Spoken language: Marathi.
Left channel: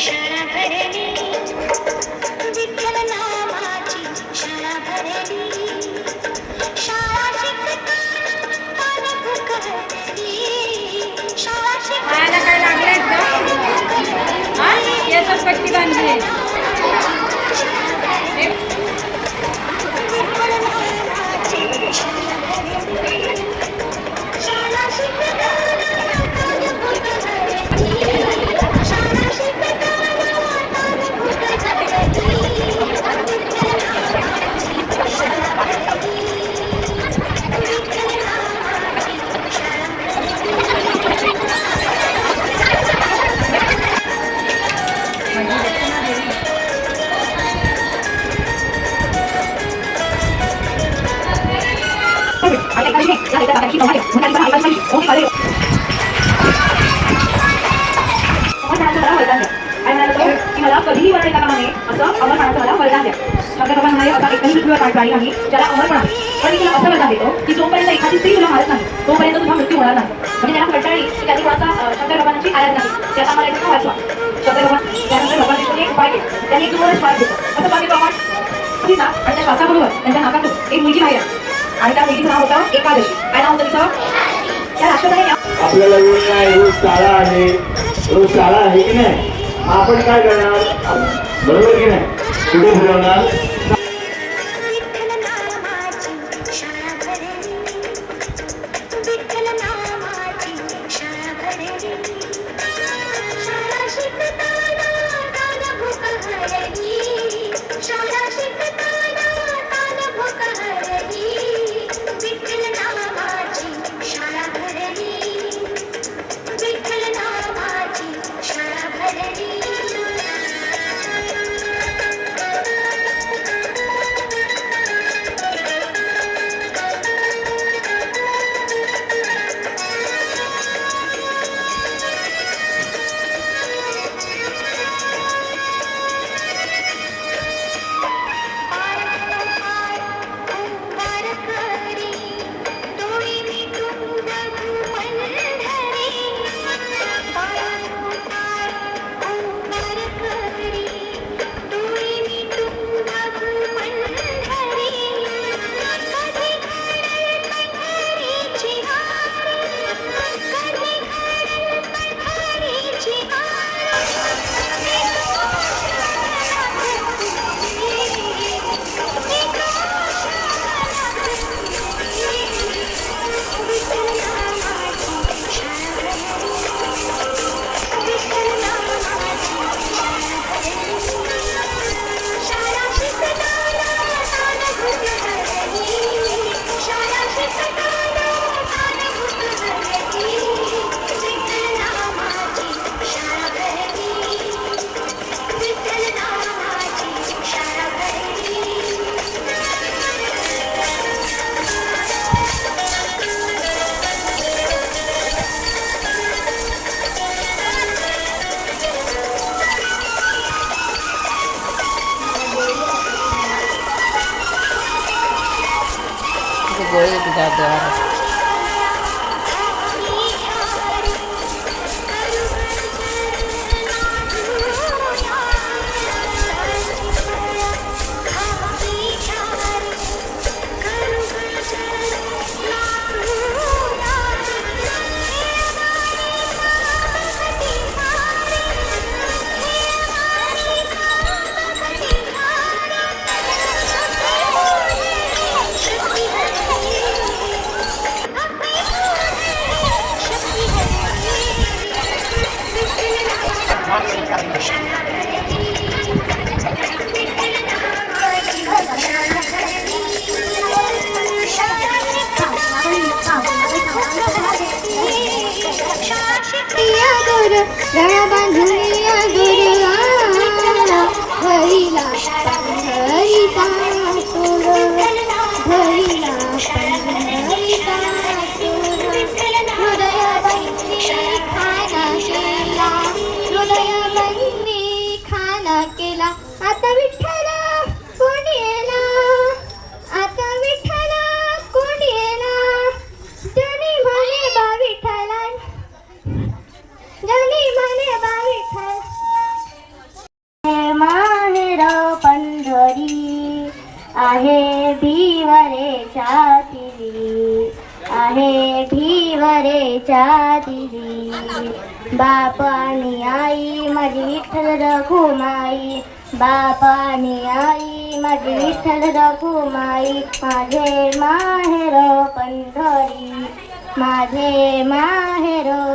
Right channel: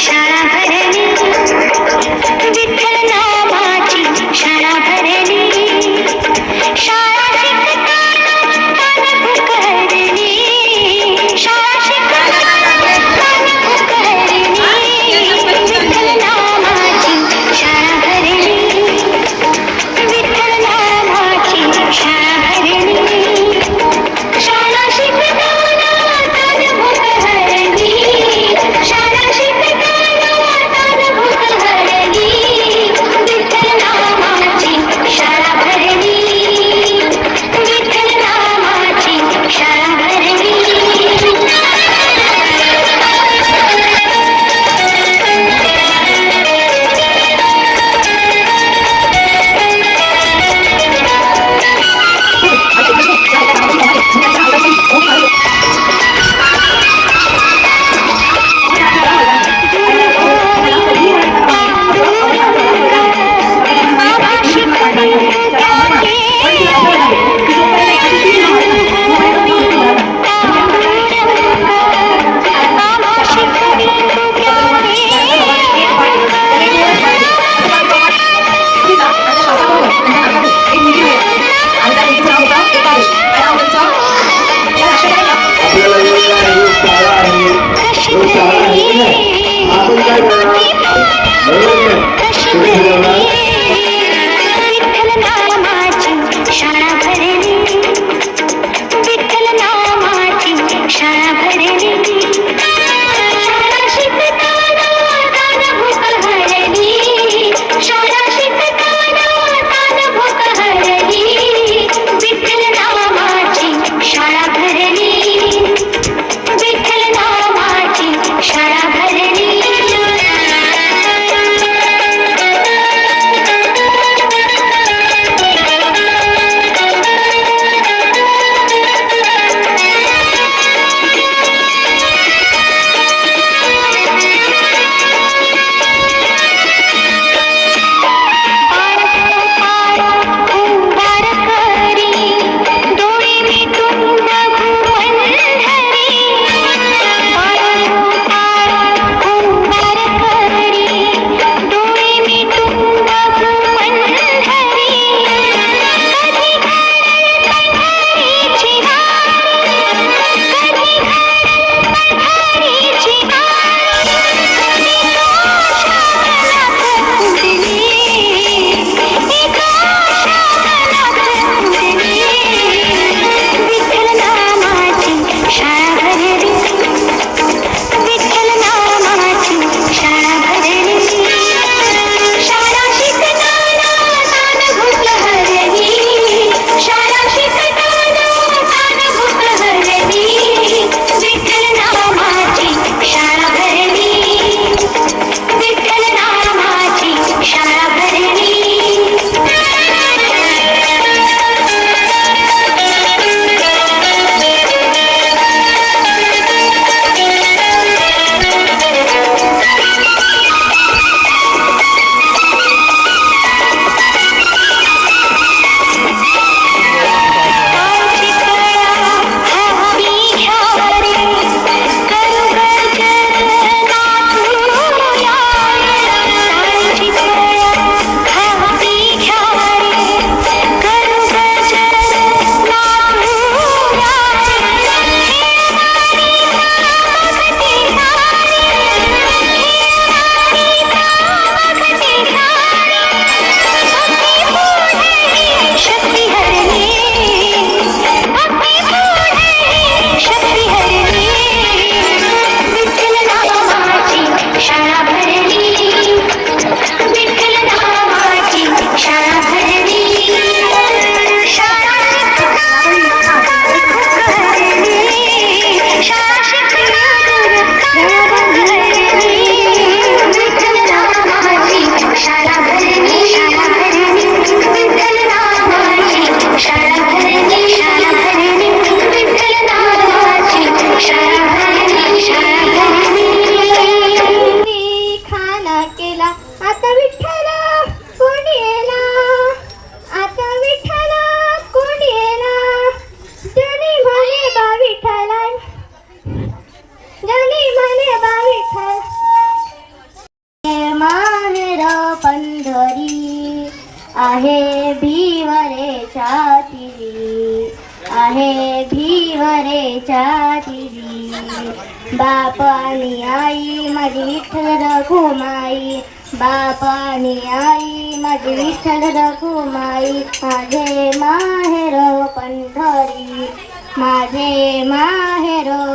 शाळा भरली, विठ्ठल नामाची शाळा भरली, शाळा शिकताना मन भूक हरली, शाळा शिकताना मन भूक हरली, विठ्ठल नामाची शाळा भरली, विठ्ठल नामाची शाळा भरली, शाळा शिकताना मन भूक हरली, शाळा शिकताना मन भूक हरली, विठ्ठल नामाची शाळा भरली, विठ्ठल नामाची शाळा भरली. आपल्याला रोज शाळा आहे, रोज शाळा आहे की नाही? आपण काय करणार? बरोबर की नाही? कुठे ठरवणार? विठ्ठल नामाची शाळा भरली, विठ्ठल नामाची शाळा भरली, शाळा शिकताना मन भूक हरली, शाळा शिकताना मन भूक हरली, विठ्ठल नामाची शाळा भरली, विठ्ठल नामाची शाळा भरली. उंगार करी डोळे मिटून भुवन हरी, उंगार करी डोळे मिटून भुवन हरी, कधी घालेल पंढरीची वारी, कधी घालेल पंढरीची वारी, कधी घोषानाथ उठली, विठ्ठल नामाची शाळा भरली, विठ्ठल नामाची शाळा भरली, शाळा शिकताना मन भूक हरली, शाळा शिकताना मन भूक हरली, विठ्ठल नामाची शाळा भरली, विठ्ठल नामाची शाळा भरली. शक्ती हरली, शक्ती हरली, विठ्ठल नामाची शाळा भरली, विठ्ठल नामाची शाळा भरली, शाळा भरली, शाळा शिकली अगोदर गळा बांधून विठ्ठल नामाची शाळा भरली, शाळा भरली, विठ्ठल नामाची शाळा भरली, शाळा भरली, विठ्ठल नामाची शाळा भरली, शाळा भरली. खाना केला आता विठ्ठल कोणी येला, आता विठ्ठल कोणी येला, जनी म्हणे बा विठ्ठला, जनी म्हणे बा विठ्ठल, माहेर पंढरी आहे भिवरेच्या तिरी, आहे भिवरेच्या तिरी. बाप आणि आई माझी विठ्ठल रखुमाई, बाप आणि आई माझी विठ्ठल रखुमाई. माझे माहेर पंढरी, माझे माहेर